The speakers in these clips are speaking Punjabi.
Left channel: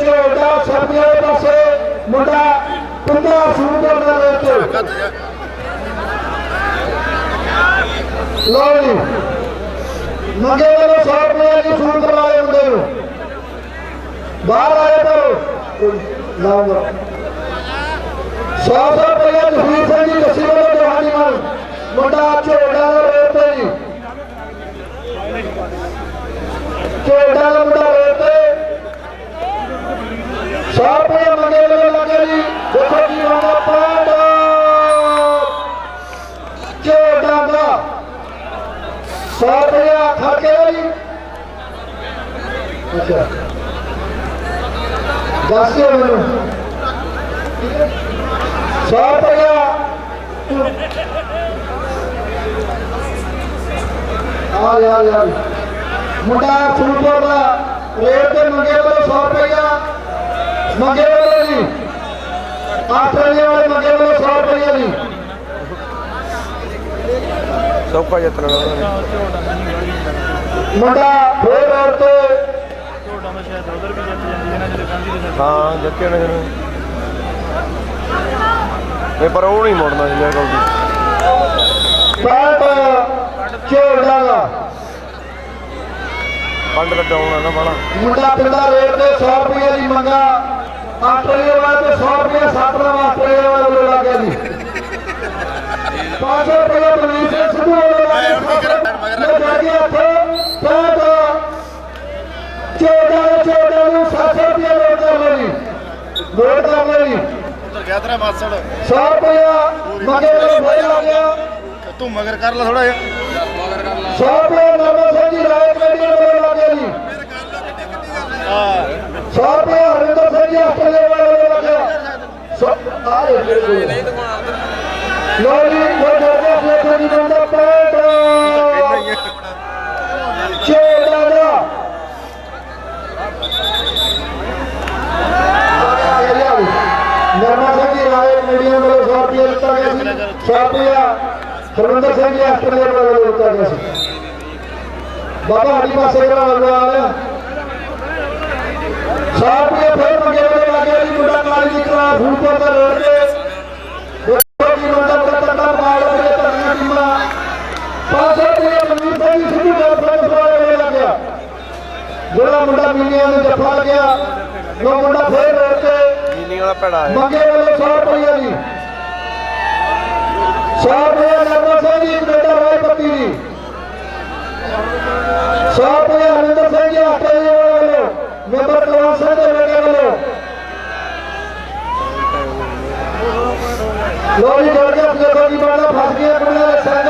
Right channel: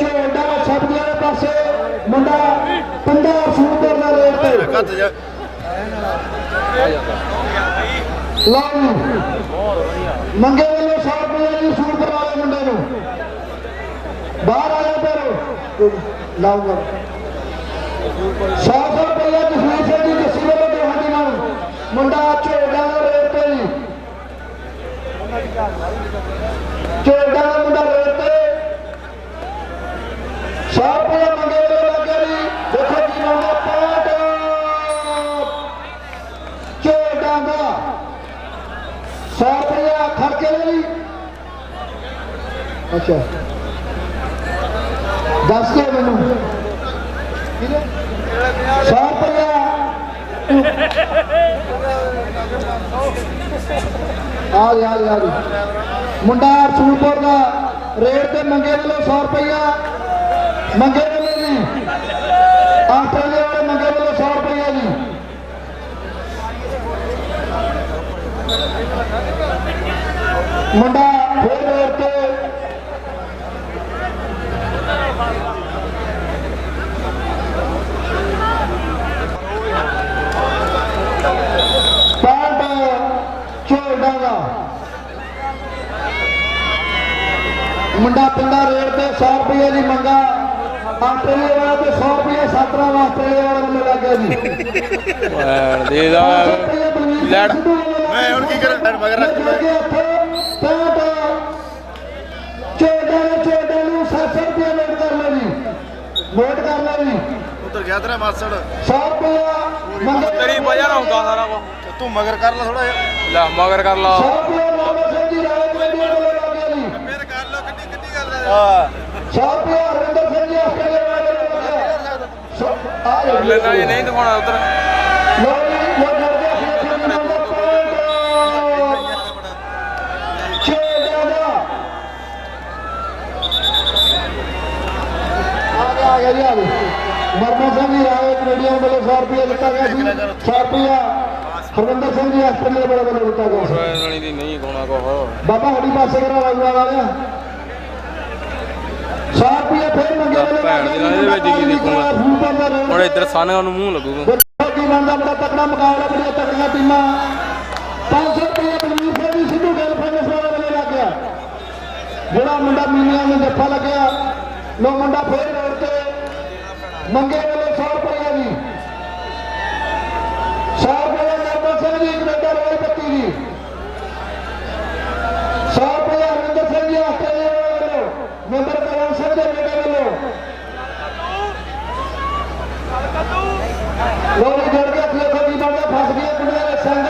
ਝੋੜਾ ਸਬਜ਼ੀ ਵਾਲੇ ਪਾਸੇ। ਮੁੰਡਾ ਪਿੰਡਾ ਸੂਪਰ ਦਾ ਰੇਟ ਲਓ ਜੀ। ਮੰਗੇ ਵਾਲੇ 100 ਰੁਪਏ ਦੀ ਸੂਟ ਵਾਲੇ ਮੁੰਡੇ ਨੂੰ। ਬਾਹਰ ਆਏ ਪਰ ਲਾਉਂਗਾ। 100 ਰੁਪਏ ਜਸਵੀਰ ਸਿੰਘ ਜੀ ਦੱਸੀ ਵਾਲੇ ਜਵਾਨੀ ਮਾਨ ਮੁੰਡਾ ਝੋੜਾ ਦਾ ਤੇ ਜੀ। ਝੋੜਾ ਦਾ ਮੁੰਡਾ ਰੇਟ ਤੇ 100 ਰੁਪਏ ਮੰਗੇ ਵਾਲੇ ਲੱਗੇ ਜੀ ਦੇਖੋ ਕੀ ਮੰਗਾ ਪਾਟ ਝੋੜਾ ਦਾ 100 ਰੁਪਇਆ ਖਰਚੇ ਲਈ ਅੱਛਾ। ਦੱਸ ਦਿਓ ਮੈਨੂੰ। 100 ਰੁਪਇਆ ਆ ਯਾਰ ਯਾਰ ਮੁੰਡਾ ਫੂਲਪੁਰ ਦਾ ਰੇਟ ਤੇ ਮੰਗੇ ਵੱਲੋਂ 100 ਰੁਪਇਆ ਮੰਗੇ ਵੱਲੋਂ ਨਹੀਂ। ਆਸਟ੍ਰੇਲੀਆ ਵਾਲੇ ਮੰਗੇ ਵੱਲੋਂ 100 ਰੁਪਇਆ ਨਹੀਂ ਸੋਪਾ ਜੱਤਰ ਮੁੰਡਾ ਫੇਰ ਰੇਟ ਤੇ ਹਾਂ ਜੱਕੇ ਨੇ। ਇਹ ਪਰ ਉਹ ਨਹੀਂ ਮੋੜਨਾ ਜੀ ਇਹ ਪੈਂਟ ਦਾ। ਪੰਡ ਦਾ ਡਾਉਣ ਨਾ ਮਾਣਾ ਮੁੰਡਾ ਪਿੰਡਾ ਰੇਟ ਤੇ 100 ਰੁਪਏ ਦੀ ਮੰਗਾ। ਆਸਟ੍ਰੇਲੀਆ ਵਾਲਾ ਤੇ 100 ਰੁਪਏ ਸਤਰਾ ਆਸਟ੍ਰੇਲੀਆ ਵਾਲੇ ਵੱਲੋਂ ਲੱਗ ਗਿਆ ਜੀ। ਦੇ 500 ਰੁਪਏ ਬਲਵੀਰ ਸਿੰਘ ਸਿੱਧੂ ਵੱਲੋਂ ਮੈਂ ਹੁਣ ਕੀ ਕਰਾਂ? ਮੈਂ ਮਗਰ ਰੱਖ- ਤੇਰਾ ਮਾਸੜ 100 ਰੁਪਏ ਮੰਗੇ ਤੇਰੀ ਵਜ੍ਹਾ ਨਾਲ ਹੁੰਦਾ ਸਾਰਾ ਕੁਝ। ਤੂੰ ਮਗਰ ਕਰ ਲੈ ਥੋੜਾ ਜਿਹਾ ਮਗਰ ਕਰ ਲਾ 100 ਰੁਪਏ ਬਾਬਾ ਸਿੰਘ ਜੀ ਰਾਏ ਕਮੇਟੀ ਵੱਲੋਂ ਲੱਗ ਜੀ ਹਾਂ 100 ਰੁਪਏ ਹਰਿੰਦਰ ਸਿੰਘ ਜੀ ਆਸਟ੍ਰੇਲੀਆ ਵਾਲੇ ਵੱਲੋਂ ਲੱਗਿਆ ਸੋ ਆ ਨਹੀਂ ਦਿਖਾਉਣਾ ਉਧਰ ਲੋ ਜੀ ਲੋ ਜੀ ਨੰਬਰ ਪਲੇਟ ਛੇੜਾ ਦਾ ਆ ਗਿਆ ਜੀ, ਆ ਗਿਆ। ਨਰਮਾ ਸਿੰਘ ਜੀ ਰਾਏ ਕੈਨੇਡੀਅਨ ਵੱਲੋਂ 100 ਰੁਪਏ ਦਿੱਤਾ ਗਿਆ ਸੀ 100 ਰੁਪਇਆ ਹਰਿੰਦਰ ਸਿੰਘ ਜੀ ਆਸਟ੍ਰੇਲੀਆ ਵੱਲੋਂ ਦਿੱਤਾ ਗਿਆ ਸੀ। ਬਾਬਾ ਹਰੀ ਪਾਸੇ ਜਿਹੜਾ ਆਉਂਦਾ ਆ ਰਿਹਾ 100 ਰੁਪਏ ਫੇਰ ਮੰਗੇ ਵੱਲੋਂ ਲੱਗ ਜੀ ਮੁੰਡਾ ਕਾਲ ਨਿਕਲਾ ਫੂਲਪੁਰ ਦਾ ਰੇਟ ਇੱਧਰ ਸਾਨੇ ਨੂੰ ਮੂੰਹ ਲੱਗੂਗਾ। ਦੇਖੋ ਜੀ ਮੰਦਰ ਦਾ ਤਕੜਾ ਮੁਕਾਬਲਾ ਕਰੇ ਤਕੜੀਆਂ ਟੀਮਾਂ। 500 ਰੁਪਏ ਮਨਵੀਰ ਸਿੰਘ ਸਿੱਧੂ ਗੱਲ ਫਰਸ ਵਾਲੇ ਲੱਗ ਗਿਆ। ਜਿਹੜਾ ਮੁੰਡਾ ਮਿਲੀਆਂ ਨੂੰ ਜੱਫਾ ਲੱਗਿਆ ਲੋ ਮੁੰਡਾ ਫੇਰ ਰੋੜ ਕੇ ਮੰਗੇ ਵਾਲੇ 100 ਰੁਪਏ ਦੀ। 100 ਰੁਪਏ ਨਰਮਾ ਸਿੰਘ ਜੀ ਕੈਨੇਡਾ ਰਾਏ ਪੱਤੀ ਦੀ 100 ਰੁਪਏ ਹਰਿੰਦਰ ਸਿੰਘ ਜੀ ਆਸਟ੍ਰੇਲੀਆ ਵੱਲੋਂ ਮੈਂਬਰ ਕੌਣ ਸਿੰਘ ਦੇ ਬੇਟੇ ਵੱਲੋਂ ਲੋ ਜੀ, ਜੋੜ ਕੇ ਦੇਖੋ ਜੀ ਬਾਲਾ ਫਸ ਗਈ ਕੁੜੀਆਂ ਦੇ ਸੰਗ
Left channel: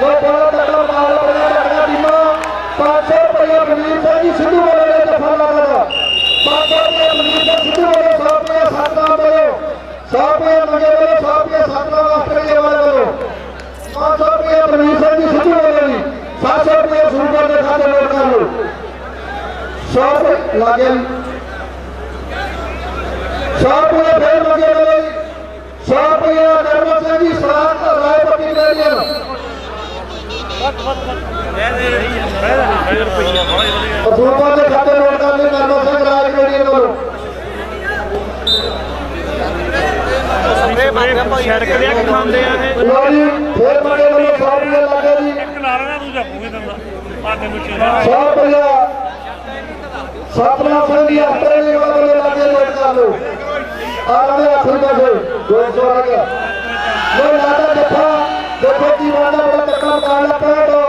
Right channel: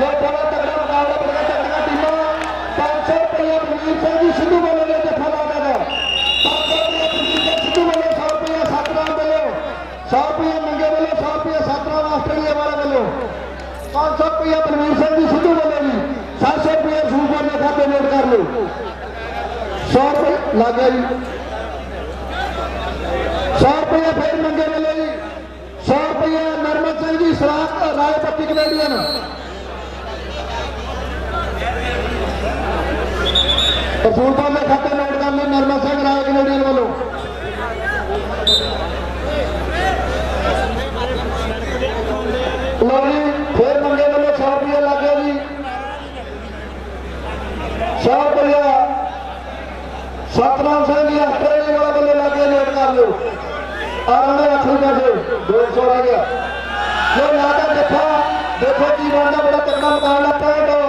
ਲੋ ਬੜਾ ਤਕੜਾ ਬਾਲ ਬੜਾ ਤਕੜਾ ਟੀਮਾਂ। 500 ਰੁਪਏ ਮਨਵੀਰ ਸਿੰਘ ਜੀ ਸਿੱਧੂ লাগেন। ਆਰਾਮੇ ਆਖਰੀ ਪਾਸੇ 200 ਆ ਗਿਆ। ਲੋ ਲਾਦਾ ਜੱਫਾ ਦੇਖੋ ਕੀ ਵਾਦਾ ਬੜਾ ਤੱਕਾ ਮਕਾਨ ਪੈਟੋ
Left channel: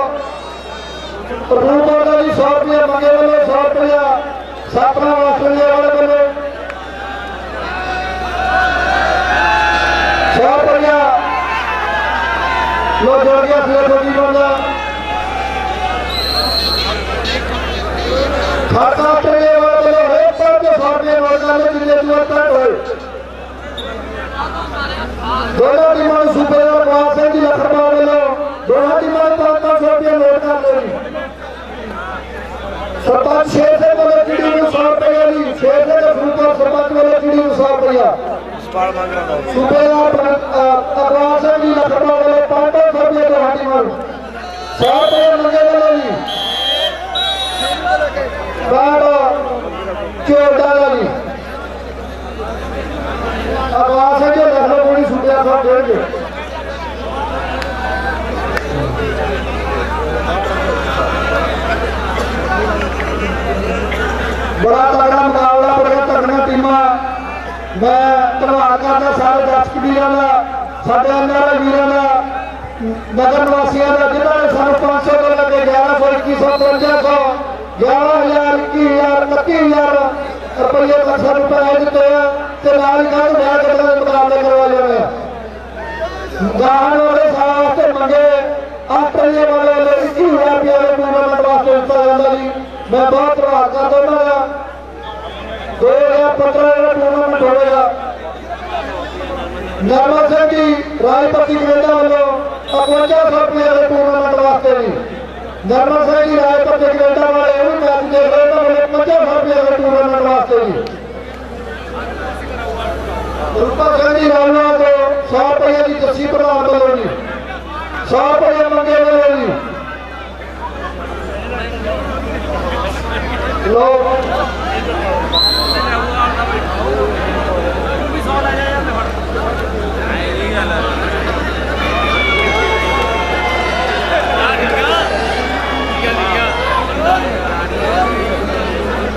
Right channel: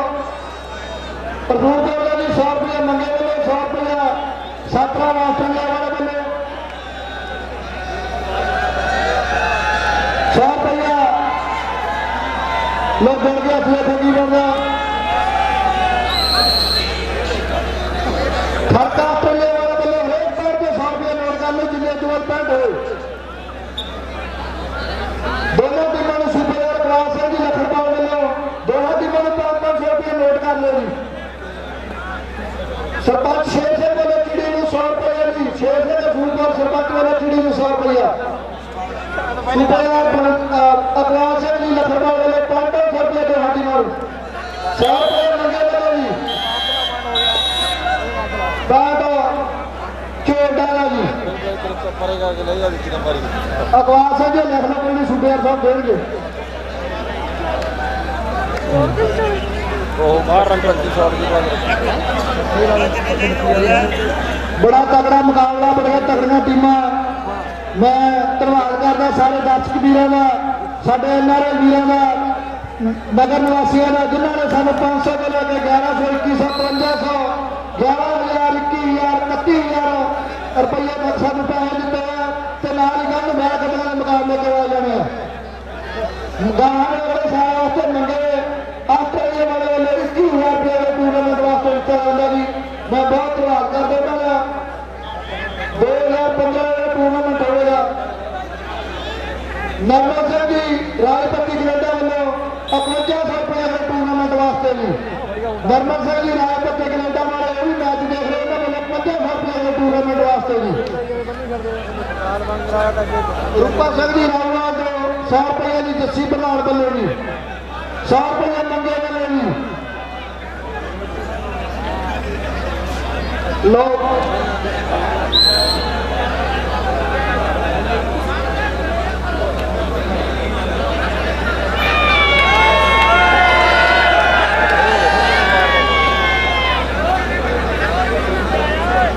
ਰੂਪੋ ਦਾ ਜੀ 100 ਰੁਪਏ ਮੰਗੇ ਵੱਲੋਂ 100 ਰੁਪਏ ਸਾਤਰਾ ਆਸਟ੍ਰੇਲੀਆ ਵਾਲੇ ਵੱਲੋਂ 100 ਰੁਪਏ ਲੋ ਜੋੜ ਗਿਆ ਫਿਰ ਥੋੜੀ ਵਾਲਾ ਖਾਤਾ ਆਸਟ੍ਰੇਲੀਆ ਵਾਲੇ ਵੱਲੋਂ ਹਰੇਕ ਪਰ ਦੇ 100 ਰੁਪਏ ਨੋਟ ਕਰਦੇ ਜਿੰਨੇ ਦੂਰ ਪੈਟ ਹੋਏ ਦੋਨਾਂ ਟੀਮਾਂ ਨੂੰ ਸੁਪਰ ਓਵਰ ਕਲਾਸ ਹੈ ਜੀ ਲੱਖ ਰੁਪਏ ਵੱਲੋਂ ਦੋਹਾਂ ਟੀਮਾਂ ਨੂੰ 500 ਰੁਪਏ ਨੋਟ ਕਰ ਲਓ ਜੀ ਸਰਪੰਚ ਸ਼ੇਰ ਸਿੰਘ ਵੱਲੋਂ ਚਿੜੀ ਨੂੰ 100 ਰੁਪਏ ਜੀ ਸ਼ੇਰ ਸਿੰਘ ਦੇ ਫੂਲਪੁਰ ਸਰਪੰਚ ਵੱਲੋਂ ਚਿੜੀ ਨੂੰ 100 ਰੁਪਏ ਸੁਪਰ ਅਕਲਾਸ ਜੀ ਲੱਖ ਰੁਪਏ ਵੱਲੋਂ 500 ਰੁਪਏ ਦੋਹਾਂ ਟੀਮਾਂ ਨੂੰ 100 ਮੰਗੇ ਵੱਲੋਂ ਜੀ। ਕਾਰਡ ਚੋ ਚੋਟਾ ਦਾ ਜੀ। ਆਵਾਜ਼ ਲਖਨਊ ਕੋਲ ਛੁੱਟਿਆ ਸਭ ਦੇਣਗੇ ਉਹ ਬਾਹਰ ਰੰਗਰ ਦੀ ਸ਼ਾਟ ਬੜਾ ਤਗੜਾ ਮੁਕਾਬਲਾ, ਬੜੀਆਂ ਤਕੜੀਆਂ ਟੀਮਾਂ ਮੈਂ ਧੰਨਵਾਦ ਕਰਦਾ ਸਾਰੇ ਦਰਸ਼ਕ ਵੀਰਾਂ ਦਾ, ਸਾਡੇ ਐਨਆਰਆਈ ਵੀਰਾਂ ਦਾ ਨਗਰ ਨਿਵਾਸੀਆਂ ਦਾ, ਜਿਨ੍ਹਾਂ ਨੇ ਸਾਨੂੰ 500 ਤੋਂ ਲੈ ਕੇ 1100 2100 5500 11000 21000 31000 ਰੁਪਏ ਤੱਕ ਸਾਨੂੰ ਪੈਸੇ ਦਿੱਤੇ ਆ ਤੇ ਨਾਲ ਹੀ ਕਹਿੰਦੇ ਮੈਚ ਦੇ ਮੁਕਾਬਲੇ ਕਰਵਾ ਜਾਣੇ ਆ ਗਾਹਣ ਵਾਲੇ ਸਾਹ ਵਾਸਤੇ ਮੰਗੇ ਆਸਟ੍ਰੇਲੀਆ ਵਾਲੇ ਵੱਲੋਂ 21000 ਰੁਪਏ ਦੇ ਟੂਰਨਾਮੈਂਟ ਵਾਸਤੇ ਦਿੱਤਾ ਜਾਂਦਾ ਜੀ। ਮੈਂ ਬਹੁਤ ਧੰਨਵਾਦ ਕਰਦਾ ਉਹਨਾਂ ਦਾ 2015 ਦਾ ਟੂਰਨਾਮੈਂਟ ਹੋਇਆ ਨਰਮਲ ਸਿੰਘ ਜੀ ਰਾਜਪਤੀ ਕੈਨੇਡਾ ਵੱਲੋਂ 51 ਰੁਪਏ ਦੇ ਟੂਰਨਾਮੈਂਟ ਵਾਸਤੇ ਜੀ ਨਰਮਲ ਸਿੰਘ ਜੀ ਰਾਜਪਤੀ ਕੈਨੇਡਾ ਵਾਲੇ ਉਹ ਵੀ ਮੈਚ ਦੇਖ ਰਹੇ ਤਾਂ ਮੈਨੂੰ 50 ਰੁਪਏ ਦੇ ਟੂਰਨਾਮੈਂਟ ਵਾਸਤੇ ਜੀ ਰੂਪਾ ਸਿੰਘ ਜੀ ਰਾਵਣਾ ਤੋਂ 100 ਰੁਪਏ ਦੀ ਜੱਸੀ ਪ੍ਰਧਾਨ ਵੱਲੋਂ ਜੀ 100 ਰੁਪਏ ਮੰਗੇ ਵੱਲੋਂ ਜੀ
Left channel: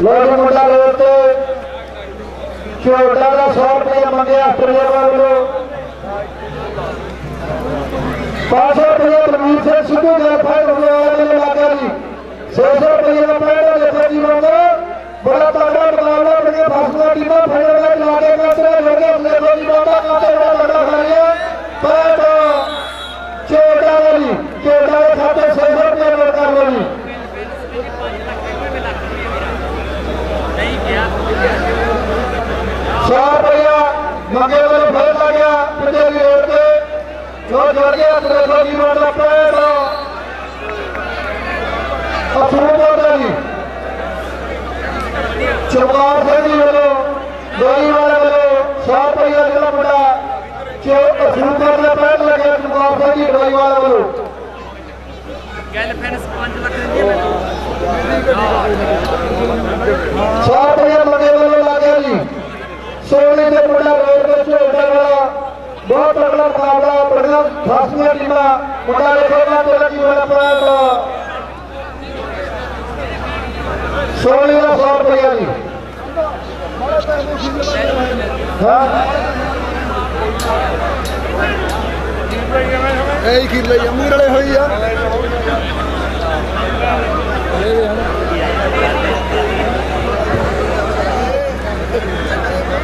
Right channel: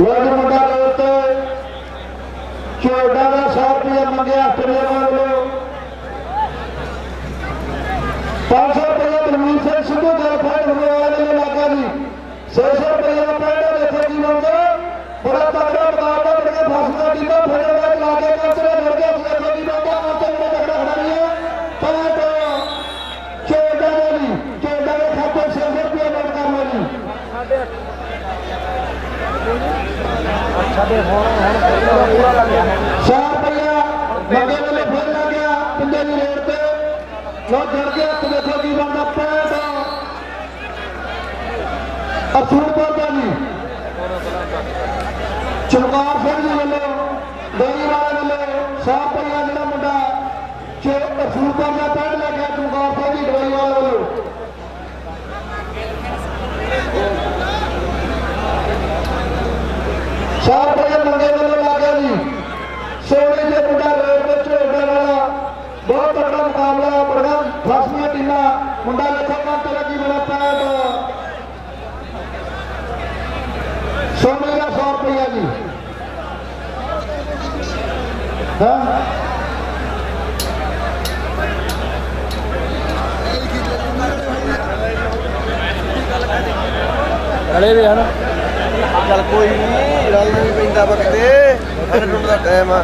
ਲੋਕ ਮੁੰਡਾ ਰੋਡ ਤੇ ਚੋੜਾ ਦਾ 100 ਰੁਪਏ ਮੰਗਿਆ ਆਸਟ੍ਰੇਲੀਆ ਵੱਲੋਂ 500 ਰੁਪਏ ਤਲਵੀਰ ਸਿੰਘ ਸਿੱਧੂ ਦੇ ਫਾਇਦ ਹੋਏ ਨੇ ਲੱਗਾ ਜੀ। 600 ਰੁਪਏ ਦਾ ਪਹਿਲਾ ਦੇਖੋ ਜੀ। ਮੰਗੋ ਬੜਾ ਤਗੜਾ ਮੁਕਾਬਲਾ ਬੜੀਆਂ ਫਸਲਾਂ ਟੀਮਾਂ ਫੜੇ ਲਾ ਕੇ اسان جا لڳي وڃو لاڳا جي ਸੋਨੇ ਦਾ 100 ਰੁਪਏ ਜੀ। ਹਾਂ। ਇਹ ਖੀਰ ਲਈ ਵਾਲੇ ਹੋਈ ਆ ਹਲੇ ਦੇ ਹਨ। ਟਾਈਮ ਆ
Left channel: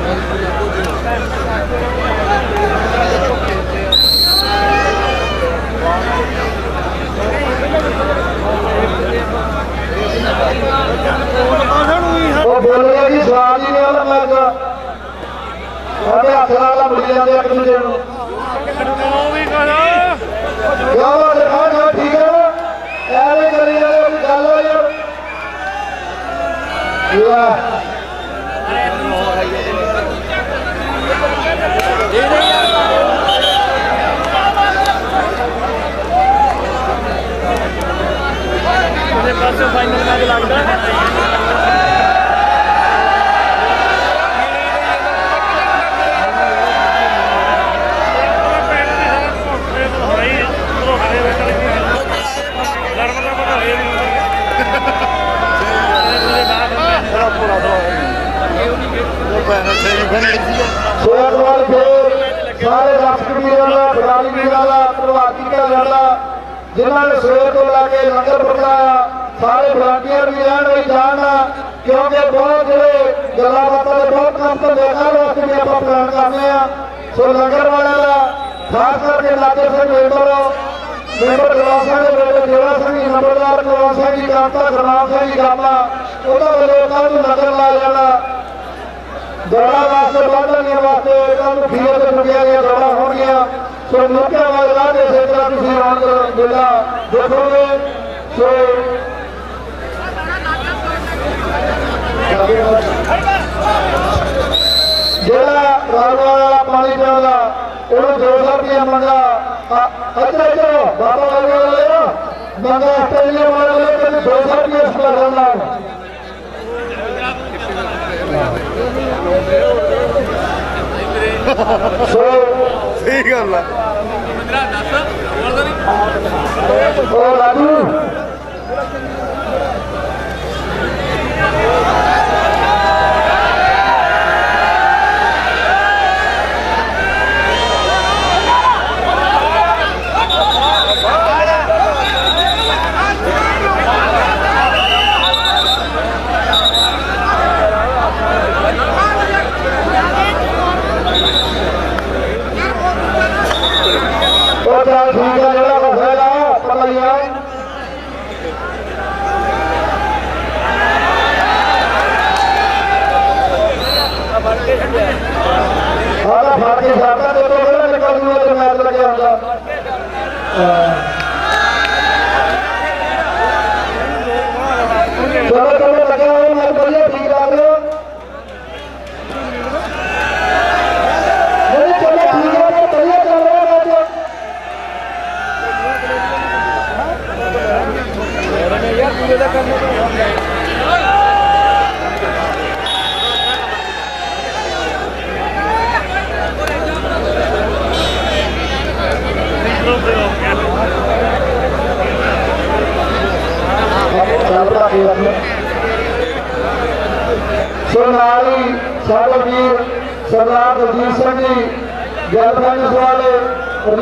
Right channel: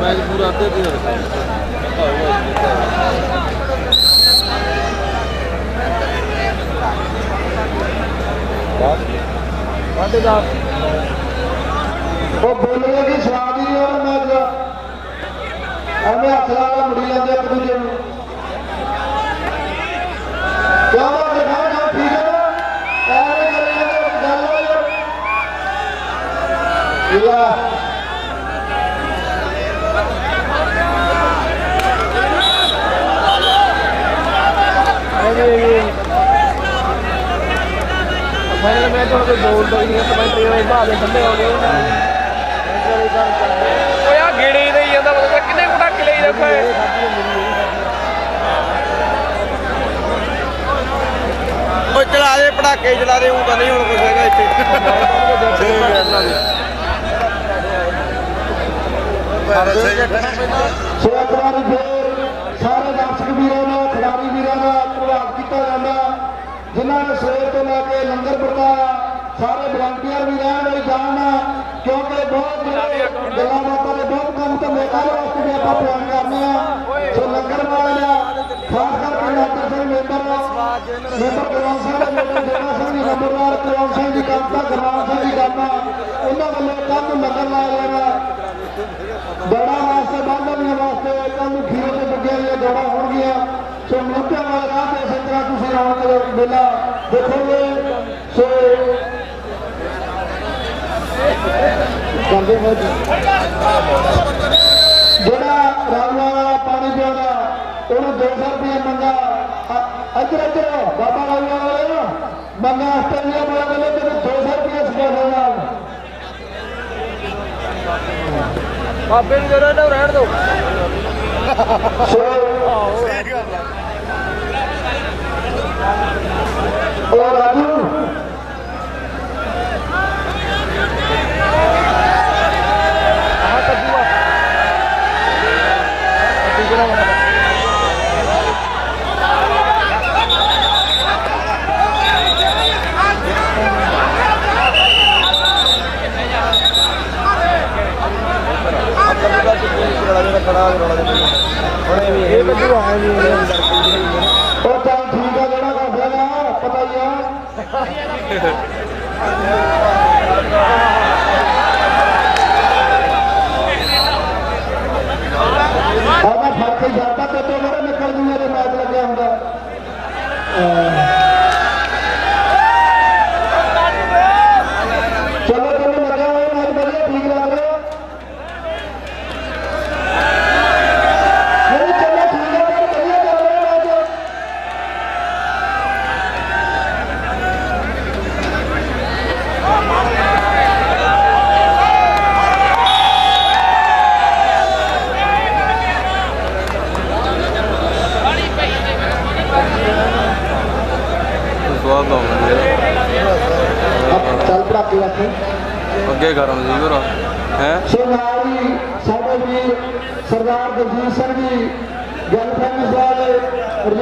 ਮੈਚ ਪੂਰਾ ਅੱਧੇ ਤੇ ਹੋ ਉਹ ਬੋਲਦਾ ਜੀ ਸਵਾਲ ਹੀ ਨਹੀਂ ਆਉਂਦਾ ਮੈਚ ਦਾ ਉਹਦੇ ਹੱਥ ਨਾਲ ਮੁੜੀ ਜਾਂਦੇ ਇੱਕ ਦੂਜੇ ਨੂੰ ਕਿਉਂ ਉਹ ਦਿਖਾ ਜੋ ਠੀਕ ਹੈ ਨਾ ਐਵੇਂ ਕਰੀ ਜਾਂਦੇ ਕੋਈ ਗੱਲ ਹੋ ਜਾ ਲਾ ਓਏ ਆ ਗੇੜੇ ਦੇ ਜਾਂਦਾ ਪਤਾ ਕਿੰਨੇ ਕੁ ਤੱਕ ਲੈ ਜਾਂਦਾ ਓਏ ਚੜਾ ਦੇ ਪੜਾਕੇ ਚੜਾ ਦੇ ਉਹ ਕਰੇ ਹੁਣ ਬਸੇਗਾ ਇੱਥੇ ਸਹੀ ਗੱਲ ਹੈ ਇਹਦਾ ਪੂਰਾ ਉਹ ਫੇਰ ਸਾਰੇ ਦਰਸ਼ਕ ਵੀਰਾਂ ਦਾ, ਖਿਡਾਰੀ ਵੀਰਾਂ ਦਾ ਧੰਨਵਾਦ ਕੀਤਾ ਜਾਂਦਾ। ਜਿਨ੍ਹਾਂ ਨੇ ਸਵੇਰ ਤੋਂ ਲੈ ਕੇ ਲੰਗਰ ਪਹੁੰਚਾਇਆ, ਸਾਰੇ ਵਲੰਟੀਅਰ ਵੀ ਰਹਿਣ ਵੀ ਜਾਣ ਕਿਉਂਕਿ ਬਹੁਤ ਜਿਹੜੇ ਗੱਲਾਂ ਬਾਤਾਂ ਦੇ ਬਹੁਤ ਕੰਮ ਤੋਂ ਕਰ ਵਾਸਤੇ ਵੀ ਆਪਾਂ ਪਲਾਨ ਕਰਨੇ ਆ। ਸੋ ਲੰਗਰ ਵਾਲੇ ਦਾ, ਖਾਸ ਕਰਕੇ ਲਾਗੇ ਸੇ ਮੈਂਬਰ ਮੈਂਬਰ ਗਰਾਸ ਦੇ ਮੈਂਬਰ ਜਿਹੜਾ ਸਿੰਘ ਨੰਬਰਦਾਰ ਕਰਵਾਉਣ ਸਿੰਘ ਜੀ ਕਾਂਤਾ ਗਰਾਸ ਸਿੰਘ ਉਹਦਾ ਵੱਲੋਂ ਕੱਲ ਲੰਗਰ دواڻ واسطي جهڙا پاڻي پيئڻ دو سؤ رپيا معنيٰ اڄ اچو بابا ਤੇ واري معنيٰ اصل دوست ਸੋ ਸਹੀ ਗੱਲ ਹੈ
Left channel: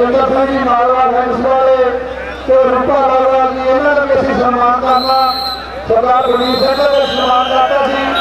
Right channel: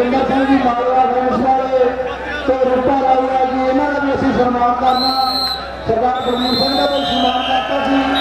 ਗੁਰਜਿੰਦਰ ਸਿੰਘ ਜੀ ਮਾਲਵਾ ਗ੍ਰਾਮਸ ਵਾਲੇ ਤੇ ਰੂਪਾ ਲਾਲਾ ਜੀ ਇਹਨਾਂ ਨੂੰ ਅਸੀਂ ਸਨਮਾਨ ਕਰਨਾ। ਸਰਦਾਰ ਗੁਰਜੀਤ ਸਿੰਘ ਦਾ ਸਨਮਾਨ ਕਰਤਾ ਸੀ।